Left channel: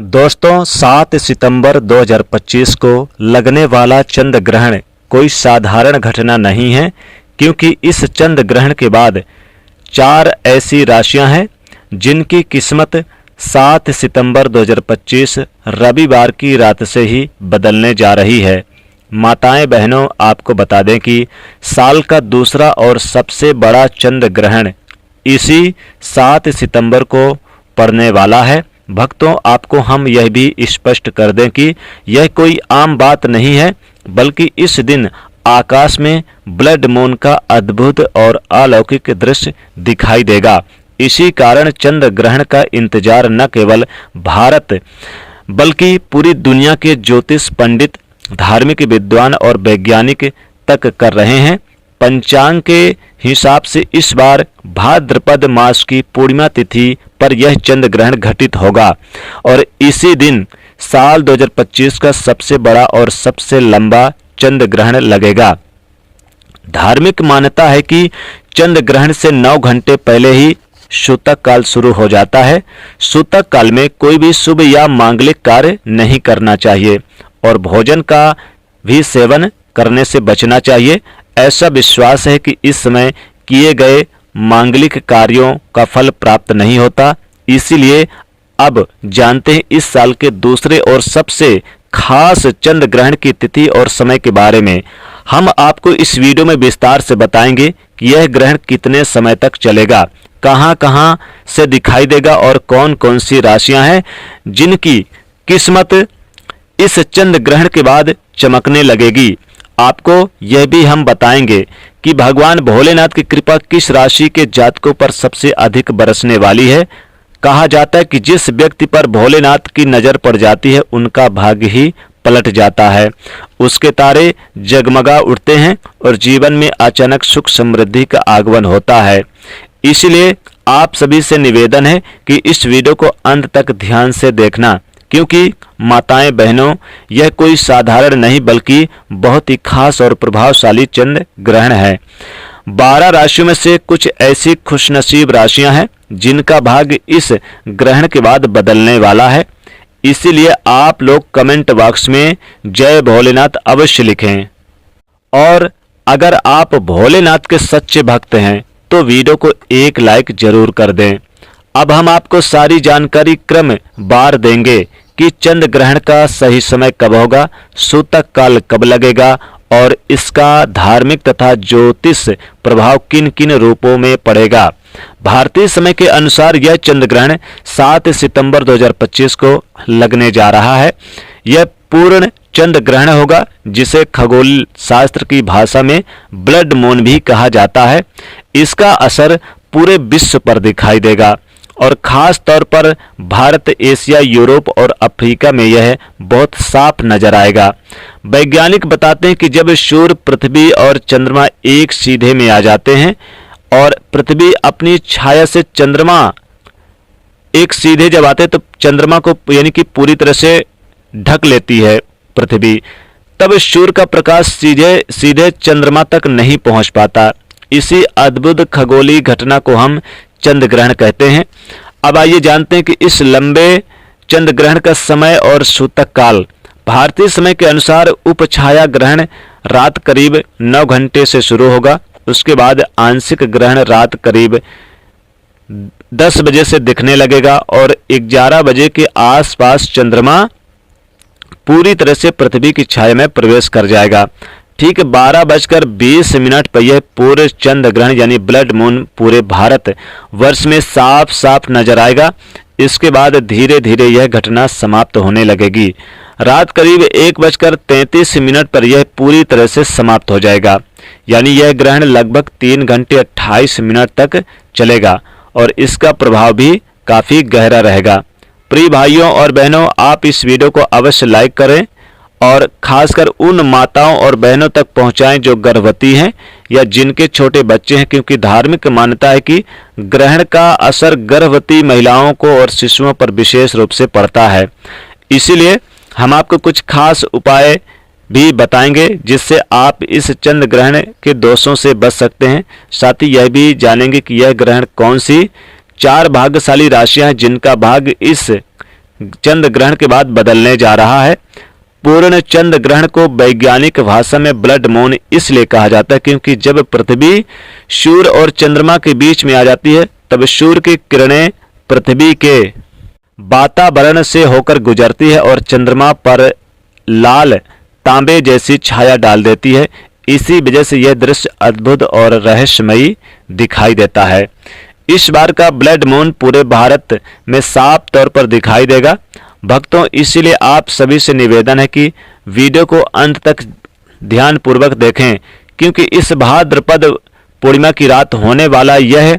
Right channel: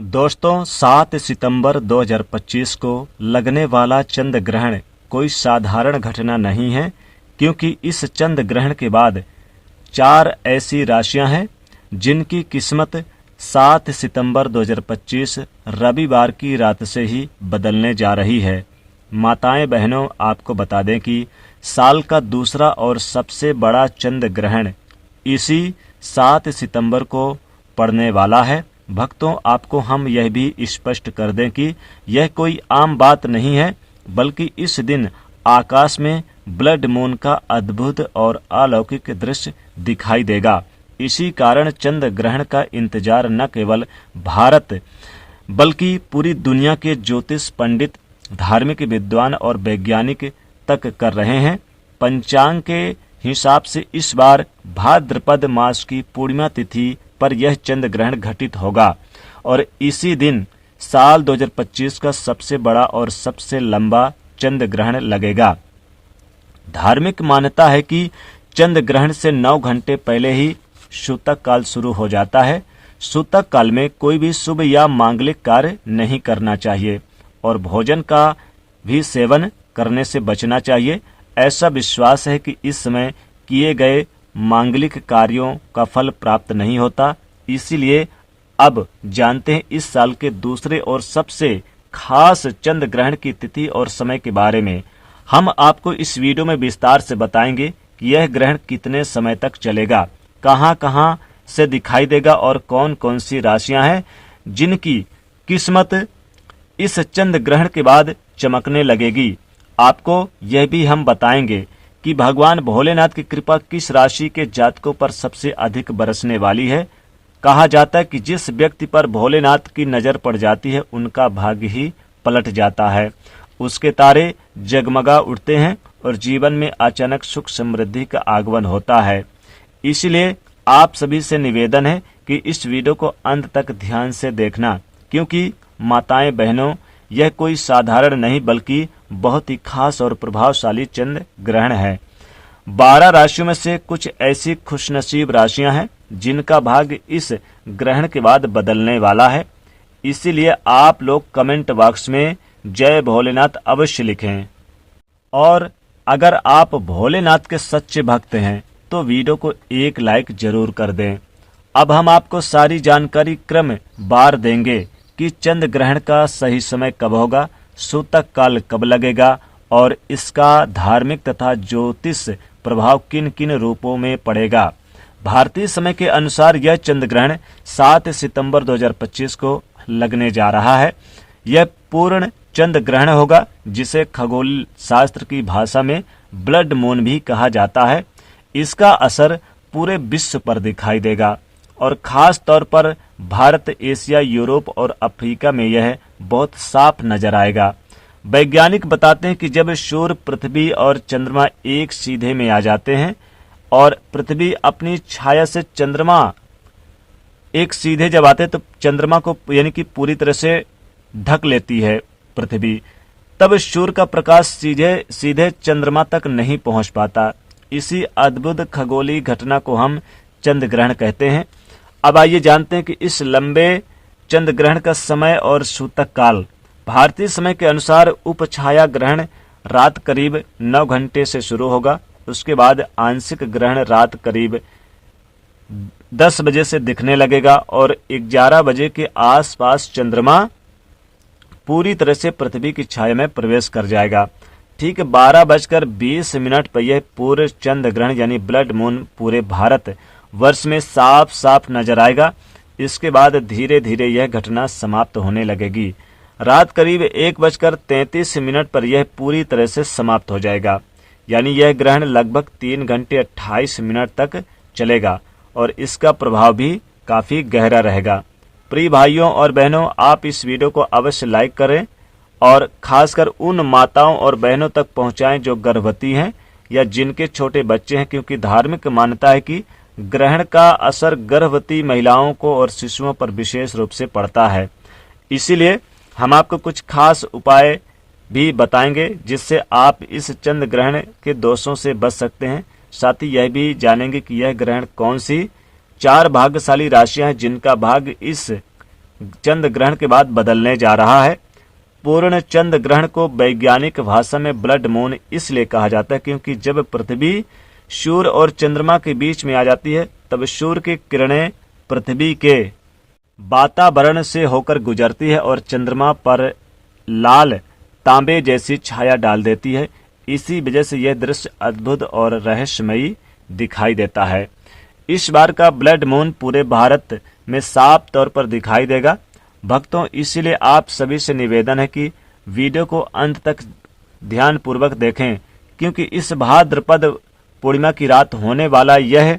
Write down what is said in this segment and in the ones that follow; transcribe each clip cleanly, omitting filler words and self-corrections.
दोस्तों 7 सितंबर 2025 को लगने वाला चंद्र ग्रहण कोई साधारण घटना नहीं है, क्योंकि इस चंद्र ग्रहण के बाद 4 ऐसी राशियां हैं जिनकी किस्मत 7 सितंबर 2025 रविवार की रात से ही बदलने जा रही है। माताएं बहनों, आपको बता दें कि साल का दूसरा और सबसे बड़ा चंद्र ग्रहण इसी 7 सितंबर को पड़ने वाला है। भक्तों, आपको हम यह भी स्पष्ट कर दें कि यह कोई आम बात नहीं है, बल्कि इस दिन आकाश में ब्लड मून का अद्भुत और अलौकिक दृश्य दिखाई देगा। इसी कारण चंद्र ग्रहण का इंतजार न केवल भारत बल्कि पूरी दुनिया के ज्योतिष पंडित, धार्मिक विद्वान और वैज्ञानिक तक कर रहे हैं। पंचांग के हिसाब से इस बार भाद्रपद मास की पूर्णिमा तिथि पर यह चंद्र ग्रहण घटित होगा और इसी दिन साल 2025 का सबसे बड़ा और सबसे लंबा चंद्र ग्रहण लगेगा। धार्मिक मान्यता है कि चंद्र ग्रहण से 9 घंटे पहले ही सूतक काल शुरू हो जाता है। सूतक काल में कोई भी शुभ या मांगलिक कार्य नहीं करना चाहिए और भोजन का भी सेवन करने से बचना चाहिए। ऐसा विश्वास है कि इस समय किए गए मांगलिक कार्यों का फल प्राप्त नहीं होता। इसीलिए अब जानते हैं इस साल के दूसरे और सबसे खास चंद्र ग्रहण की तिथि और समय के बारे में। हम आपको इस वीडियो में विस्तार से बताएंगे कि यह ग्रहण कितने समय तक चलेगा, कहां-कहां से दिखाई देगा और कौन कौन सी राशियां हैं जिनकी किस्मत इस चंद्र ग्रहण के बाद चमकने लगेगी। आपको यह भी हम बताएंगे कि भगवान भोलेनाथ की कृपा किस राशि के जातकों पर सबसे अधिक बरसने वाली है। कहा जाता है कि जिस व्यक्ति पर भोलेनाथ की नज़र पड़ जाती है उनका भाग्य ही पलट जाता है, उसके तारे जगमगा उठते हैं और जीवन में अचानक सुख समृद्धि का आगमन होता है। इसलिए आप सभी से निवेदन है कि इस वीडियो को अंत तक ध्यान से देखना, क्योंकि माताएं बहनों, यह कोई साधारण नहीं बल्कि बहुत ही खास और प्रभावशाली चंद्र ग्रहण है। 12 राशियों में से कुछ ऐसी खुशनसीब राशियां हैं जिनका भाग्य इस ग्रहण के बाद बदलने वाला है। इसीलिए आप लोग कमेंट बॉक्स में जय भोलेनाथ अवश्य लिखें और अगर आप भोलेनाथ के सच्चे भक्त हैं तो वीडियो को एक लाइक जरूर कर दें। अब हम आपको सारी जानकारी क्रम बार देंगे कि चंद्र ग्रहण का सही समय कब होगा, सूतक काल कब लगेगा और इसका धार्मिक तथा ज्योतिष प्रभाव किन किन रूपों में पड़ेगा। भारतीय समय के अनुसार यह चंद्र ग्रहण 7 सितंबर 2025 को लगने जा रहा है। यह पूर्ण चंद्र ग्रहण होगा, जिसे खगोल शास्त्र की भाषा में ब्लड मून भी कहा जाता है। इसका असर पूरे विश्व पर दिखाई देगा और खास तौर पर भारत, एशिया, यूरोप और अफ्रीका में यह बहुत साफ नजर आएगा। वैज्ञानिक बताते हैं कि जब सूर्य, पृथ्वी और चंद्रमा एक सीधे में आ जाते हैं और पृथ्वी अपनी छाया से चंद्रमा एक सीधे जब आते हैं तो चंद्रमा को यानी कि पूरी तरह से ढक लेती है पृथ्वी, तब सूर्य का प्रकाश सीधे चंद्रमा तक नहीं पहुंच पाता। इसी अद्भुत खगोलीय घटना को हम चंद्र ग्रहण कहते हैं। अब आइए जानते हैं कि इस लंबे चंद्र ग्रहण का समय और सूतक काल। भारतीय समय के अनुसार उपछाया ग्रहण रात करीब 9 घंटे से शुरू होगा। उसके बाद आंशिक ग्रहण रात करीब 10 बजे से दिखने लगेगा और 11 बजे के आसपास चंद्रमा पूरी तरह से पृथ्वी की छाया में प्रवेश कर जाएगा। ठीक 12:20 पर यह पूरे चंद्र ग्रहण यानी ब्लड मून पूरे भारत वर्ष में साफ साफ नजर आएगा। इसके बाद धीरे धीरे यह घटना समाप्त होने लगेगी। रात करीब 1:33 पर यह पूरी तरह से समाप्त हो जाएगा, यानी यह ग्रहण लगभग 3 घंटे 28 मिनट तक चलेगा और इसका प्रभाव भी काफी गहरा रहेगा। प्रिय भाइयों और बहनों, आप इस वीडियो को अवश्य लाइक करें और खासकर उन माताओं और बहनों तक पहुंचाएं जो गर्भवती हैं या जिनके छोटे बच्चे हैं, क्योंकि धार्मिक मान्यता है कि ग्रहण का असर गर्भवती महिलाओं को और शिशुओं पर विशेष रूप से पड़ता है। इसीलिए हम आपको कुछ खास उपाय भी बताएंगे जिससे आप इस चंद्र ग्रहण के दोषों से बच सकते हैं। साथ ही यह भी जानेंगे कि यह ग्रहण कौन सी 4 भाग्यशाली राशियां हैं जिनका भाग्य इस चंद्र ग्रहण के बाद बदलने जा रहा है। पूर्ण चंद्र ग्रहण को वैज्ञानिक भाषा में ब्लड मून इसलिए कहा जाता है क्योंकि जब पृथ्वी सूर्य और चंद्रमा के बीच में आ जाती है तब सूर्य की किरणें पृथ्वी के वातावरण से होकर गुजरती है और चंद्रमा पर लाल तांबे जैसी छाया डाल देती है। इसी वजह से यह दृश्य अद्भुत और रहस्यमयी दिखाई देता है। इस बार का ब्लड मून पूरे भारत में साफ तौर पर दिखाई देगा। भक्तों, इसीलिए आप सभी से निवेदन है कि वीडियो को अंत तक ध्यानपूर्वक देखें क्योंकि इस भाद्रपद पूर्णिमा की रात होने वाला यह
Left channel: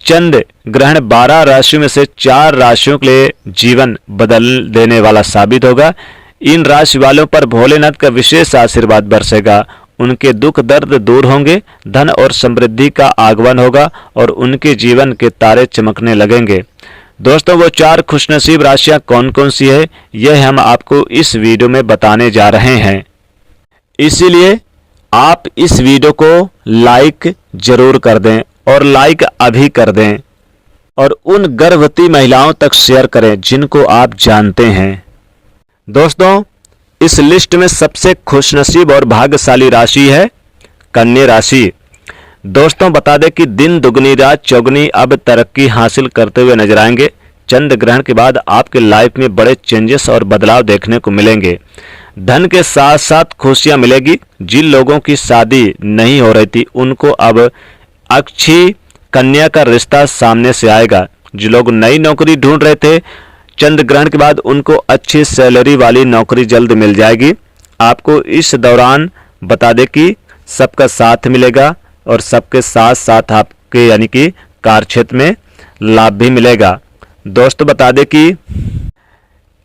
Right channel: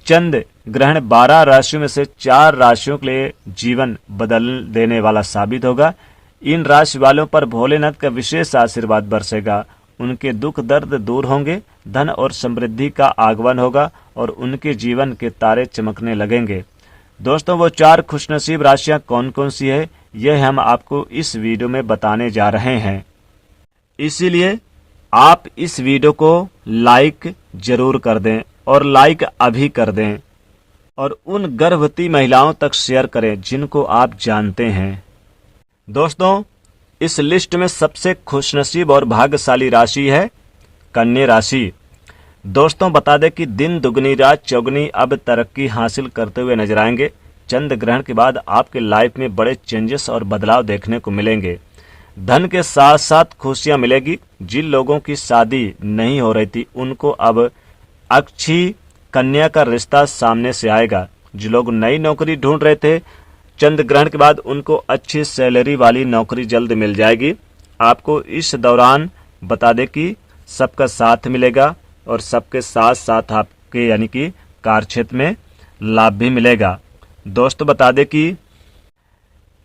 चंद्र ग्रहण 12 राशियों में से 4 राशियों के लिए जीवन बदल देने वाला साबित होगा। इन राशि वालों पर भोलेनाथ का विशेष आशीर्वाद बरसेगा। उनके दुख दर्द दूर होंगे, धन और समृद्धि का आगमन होगा और उनके जीवन के तारे चमकने लगेंगे। दोस्तों, वो 4 खुशनसीब राशियां कौन कौन सी है यह हम आपको इस वीडियो में बताने जा रहे हैं। इसीलिए आप इस वीडियो को लाइक जरूर कर दें और लाइक अभी कर दें और उन गर्भवती महिलाओं तक शेयर करें जिनको आप जानते हैं। दोस्तों, इस लिस्ट में सबसे खुशनसीब और भाग्यशाली राशि है कन्या राशि। दोस्तों, बता दें कि दिन दुगनी रात चौगनी अब तरक्की हासिल करते हुए नजर आएंगे। चंद्र ग्रहण के बाद आपके लाइफ में बड़े चेंजेस और बदलाव देखने को मिलेंगे। धन के साथ साथ खुशियां मिलेगी। जिन लोगों की शादी नहीं हो रही थी उनको अब अच्छी कन्या का रिश्ता सामने से आएगा। जो लोग नई नौकरी ढूंढ रहे थे, चंद्र ग्रहण के बाद उनको अच्छी सैलरी वाली नौकरी जल्द मिल जाएगी। आपको इस दौरान बता दें कि सबका साथ मिलेगा और सबके साथ साथ आपके यानी कि कार्य क्षेत्र में लाभ भी मिलेगा। दोस्तों, बता दें कि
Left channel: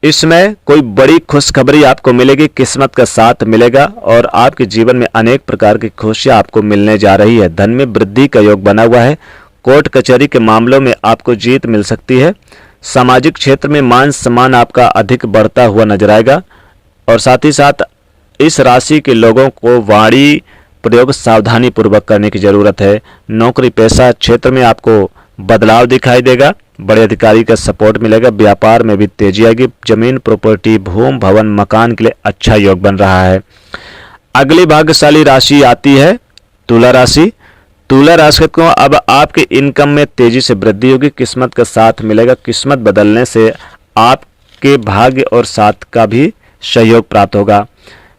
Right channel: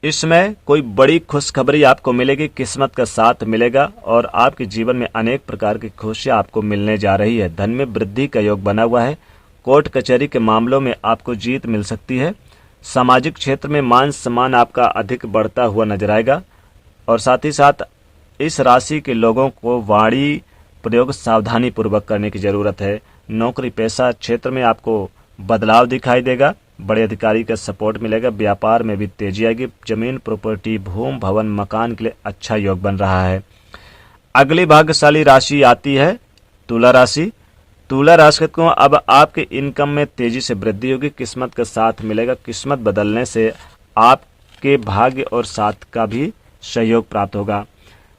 इसमें कोई बड़ी खुशखबरी आपको मिलेगी, किस्मत का साथ मिलेगा और आपके जीवन में अनेक प्रकार की खुशियां आपको मिलने जा रही है। धन में वृद्धि का योग बना हुआ है। कोर्ट कचहरी के मामलों में आपको जीत मिल सकती है। सामाजिक क्षेत्र में मान सम्मान आपका अधिक बढ़ता हुआ नजर आएगा और साथ ही साथ इस राशि के लोगों को वाणी प्रयोग सावधानी पूर्वक करने की जरूरत है। नौकरी पेशा क्षेत्र में आपको बदलाव दिखाई देगा। बड़े अधिकारी का सपोर्ट मिलेगा। व्यापार में भी तेजी आएगी। जमीन प्रॉपर्टी भूमि भवन मकान के लिए अच्छा योग बन रहा है। अगली भाग्यशाली राशि आती है तुला राशि। तुला राशि को अब आपके इनकम में तेजी से वृद्धि होगी। किस्मत का साथ मिलेगा। किस्मत बदलने से आपके भाग्य और साथ का भी सहयोग प्राप्त होगा।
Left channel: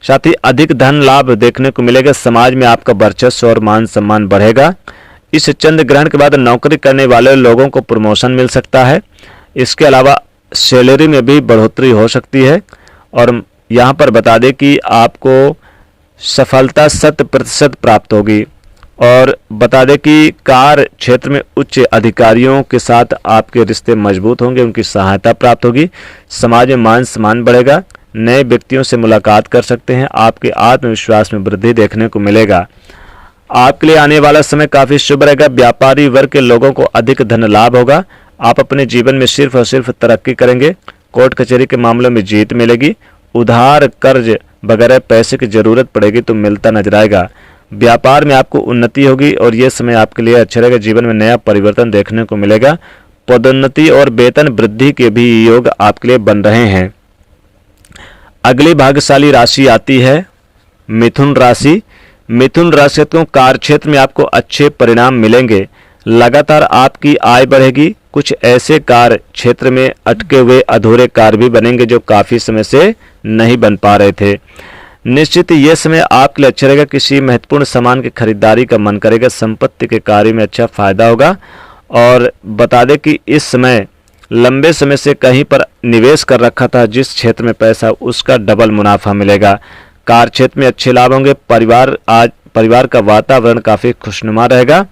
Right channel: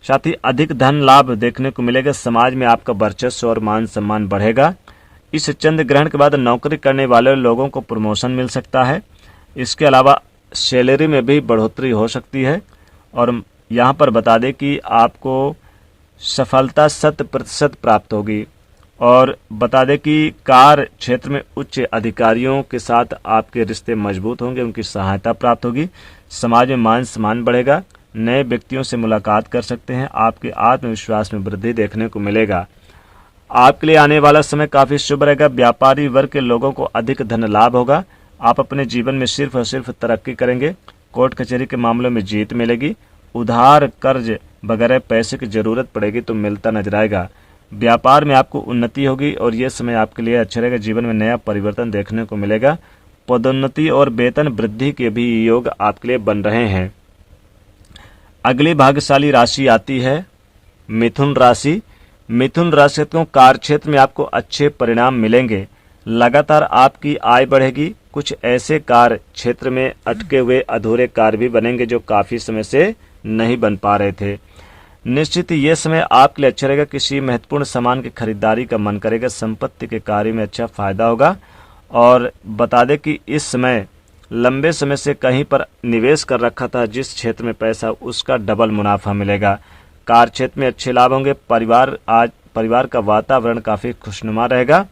साथ ही अधिक धन लाभ देखने को मिलेगा। समाज में आपका वर्चस्व और मान सम्मान बढ़ेगा। इस चंद्र ग्रहण के बाद नौकरी करने वाले लोगों को प्रमोशन मिल सकता है। इसके अलावा सैलरी में भी बढ़ोतरी हो सकती है और यहाँ पर बता दें कि आपको सफलता 100% प्राप्त होगी। और बता दें कि कार्य क्षेत्र में उच्च अधिकारियों के साथ आपके रिश्ते मजबूत होंगे, उनकी सहायता प्राप्त होगी। समाज में मान सम्मान बढ़ेगा। नए व्यक्तियों से मुलाकात कर सकते हैं। आपके आत्मविश्वास में वृद्धि देखने को मिलेगा। आपके लिए आने वाला समय काफी शुभ रहेगा। व्यापारी वर्ग के लोगों को अधिक धन लाभ होगा। आप अपने जीवन में सिर्फ और सिर्फ तरक्की करेंगे। कोर्ट कचहरी के मामलों में जीत मिलेगी। उधार कर्ज वगैरह पैसे की जरूरत पड़ेगी तो मिलता नजर आएगा। व्यापार में आपको उन्नति होगी और यह समय आपके लिए अच्छा रहेगा। जीवन में नया परिवर्तन देखने को मिलेगा। पदोन्नति और वेतन वृद्धि के भी योग आपके लिए बन रहे हैं। अगली भाग्यशाली राशि आती है मिथुन राशि। मिथुन राशि को कार्य क्षेत्र में आपको अच्छे परिणाम मिलेंगे। लगातार आपकी आय बढ़ेगी। कुछ ऐसे कार्य क्षेत्र में अटके हुए अधूरे कार्य भी बनेंगे जो काफी समय से नहीं बन पा रहे थे। निश्चित यह समय आपके लिए अच्छा रहेगा। किसी महत्वपूर्ण सामान की खरीदारी का मन करेगा। संपत्ति के कार्य में अच्छा फायदा होगा। और बता दें कि इस समय लंबे समय से कहीं पर निवेश कर रखा था जिस क्षेत्र में पैसा, उसका डबल मुनाफा मिलेगा। कार्य क्षेत्र में अच्छे लाभ होंगे। परिवार का वातावरण काफ़ी खुशनुमा रहेगा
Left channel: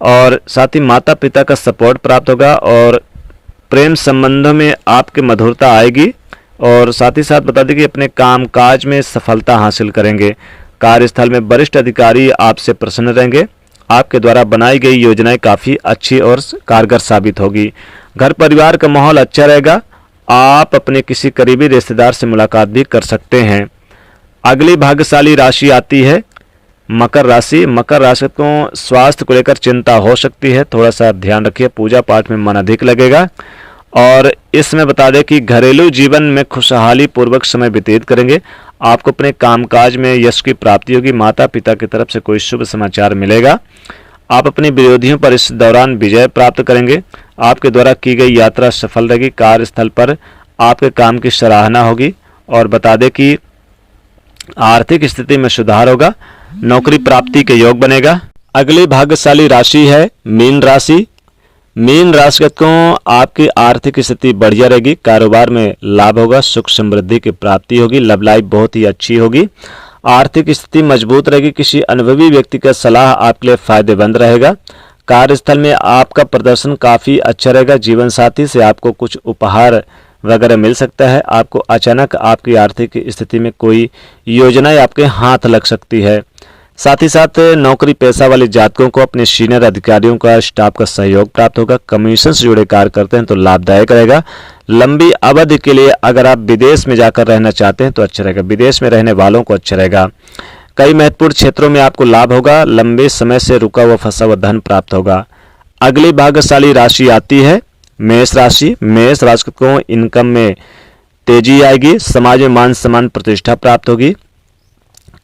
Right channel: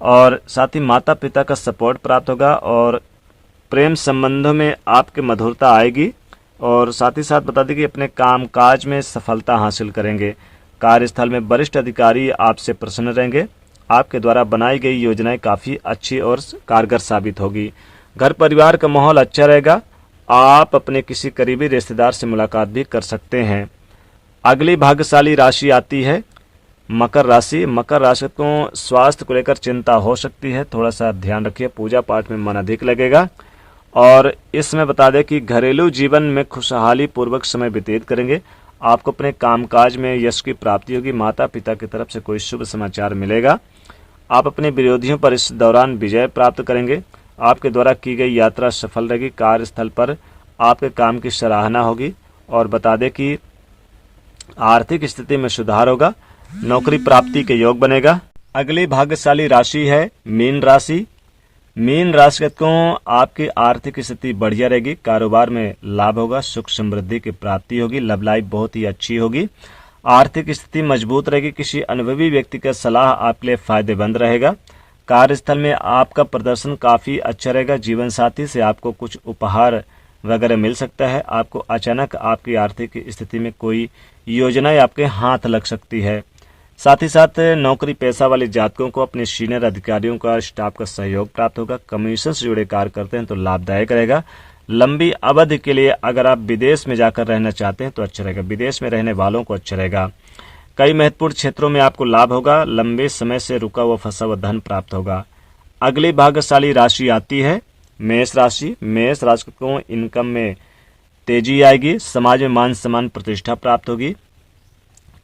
और साथ ही माता पिता का सपोर्ट प्राप्त होगा और प्रेम संबंधों में आपके मधुरता आएगी। और साथ ही साथ बता दें कि अपने काम काज में सफलता हासिल करेंगे। कार्यस्थल में वरिष्ठ अधिकारी आपसे प्रसन्न रहेंगे। आपके द्वारा बनाई गई योजनाएं काफ़ी अच्छी और कारगर साबित होगी। घर परिवार का माहौल अच्छा रहेगा। आप अपने किसी करीबी रिश्तेदार से मुलाकात भी कर सकते हैं। अगली भाग्यशाली राशि आती है मकर राशि। मकर राशि को स्वास्थ्य को लेकर चिंता हो सकती है, थोड़ा सा ध्यान रखिए। पूजा पाठ में मन अधिक लगेगा और इसमें बता दें कि घरेलू जीवन में खुशहाली पूर्वक समय व्यतीत करेंगे। आपको अपने कामकाज में यश की प्राप्ति होगी। माता पिता की तरफ से कोई शुभ समाचार मिलेगा। आप अपने विरोधियों पर इस दौरान विजय प्राप्त करेंगे। आपके द्वारा की गई यात्रा सफल रहेगी। कार्यस्थल पर आपके काम की सराहना होगी। और बता दें कि आर्थिक स्थिति में सुधार होगा। नौकरी प्राप्ति के योग बनेगा। अगली भाग्यशाली राशि है मीन राशि। मीन राशिगत को आपकी आर्थिक स्थिति बढ़िया रहेगी। कारोबार में लाभ होगा। सुख समृद्धि की प्राप्ति होगी। लव लाइफ बहुत ही अच्छी होगी। आर्थिक स्थिति मजबूत रहेगी। किसी अनुभवी व्यक्ति का सलाह आपके लिए फायदेमंद रहेगा। कार्यस्थल में आपका प्रदर्शन काफ़ी अच्छा रहेगा। जीवन साथी से आपको कुछ उपहार वगैरह मिल सकता है। आपको अचानक आपकी आर्थिक स्थिति में कोई योजनाएं आपके हाथ लग सकती है। साथ ही साथ नौकरी पेशा वाले जातकों को अपने सीनियर अधिकारियों का स्टाफ का सहयोग प्राप्त होगा। कमीशन से जुड़े कार्य करते हैं तो लाभदायक रहेगा। लंबी अवधि के लिए अगर आप विदेश में जाकर रहना चाहते हैं तो अच्छा रहेगा। विदेश में रहने वालों को अच्छा रहेगा। कई महत्वपूर्ण क्षेत्रों में आपको लाभ होगा। लंबे समय से रुका हुआ फंसा हुआ धन प्राप्त होगा। अगली भाग्यशाली राशि आती है मेष राशि। मेष राशि को इनकम में तेजी आएगी। समाज में मान सम्मान प्रतिष्ठा प्राप्त होगी।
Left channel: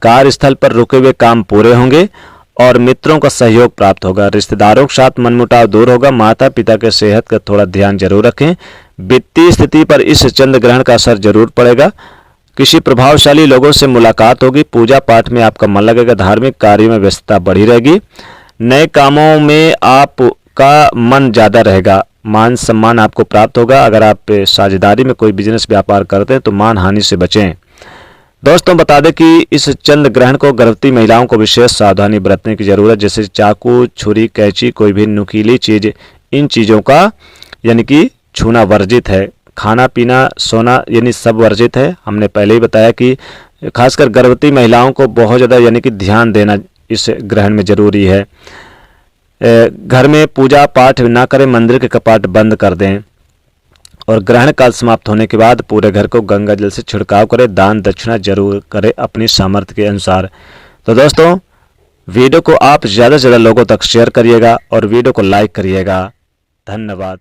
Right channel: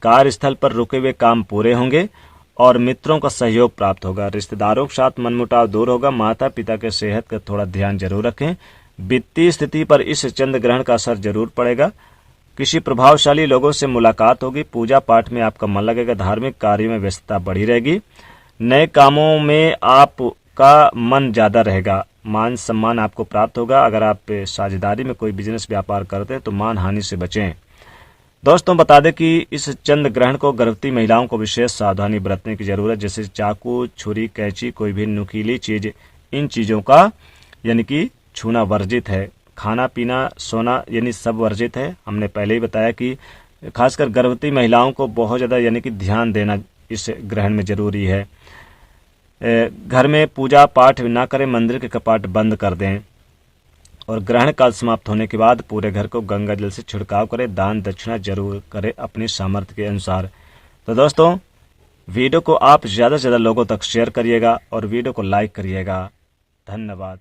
कार्यस्थल पर रुके हुए काम पूरे होंगे और मित्रों का सहयोग प्राप्त होगा। रिश्तेदारों के साथ मनमुटाव दूर होगा। माता पिता के सेहत का थोड़ा ध्यान जरूर रखें। वित्तीय स्थिति पर इस चंद्र ग्रहण का असर जरूर पड़ेगा। किसी प्रभावशाली लोगों से मुलाकात होगी। पूजा पाठ में आपका मन लगेगा। धार्मिक कार्यों में व्यस्तता बढ़ी रहेगी। नए कामों में आपका मन ज़्यादा रहेगा। मान सम्मान आपको प्राप्त होगा। अगर आप साझेदारी में कोई बिजनेस व्यापार करते हैं तो मान हानि से बचें। दोस्तों बता दें कि इस चंद्र ग्रहण को गर्भवती महिलाओं को विशेष सावधानी बरतने की जरूरत, जैसे चाकू, छुरी, कैंची, कोई भी नुकीली चीज, इन चीज़ों का यानी कि छूना वर्जित है। खाना पीना सोना यानी सब वर्जित है। हमने पहले ही बताया कि खासकर गर्भवती महिलाओं को बहुत ज़्यादा यानी कि ध्यान देना इस ग्रहण में जरूरी है। घर में पूजा पाठ ना करें। मंदिर के कपाट बंद कर दें। और ग्रहण काल समाप्त होने के बाद पूरे घर को गंगा जल से छिड़काव करें। दान दक्षिणा जरूर करें अपनी सामर्थ्य के अनुसार। तो दोस्तों वीडियो को आप ज़्यादा से ज़्यादा लोगों तक शेयर करिएगा और वीडियो को लाइक करिएगा। धन्यवाद।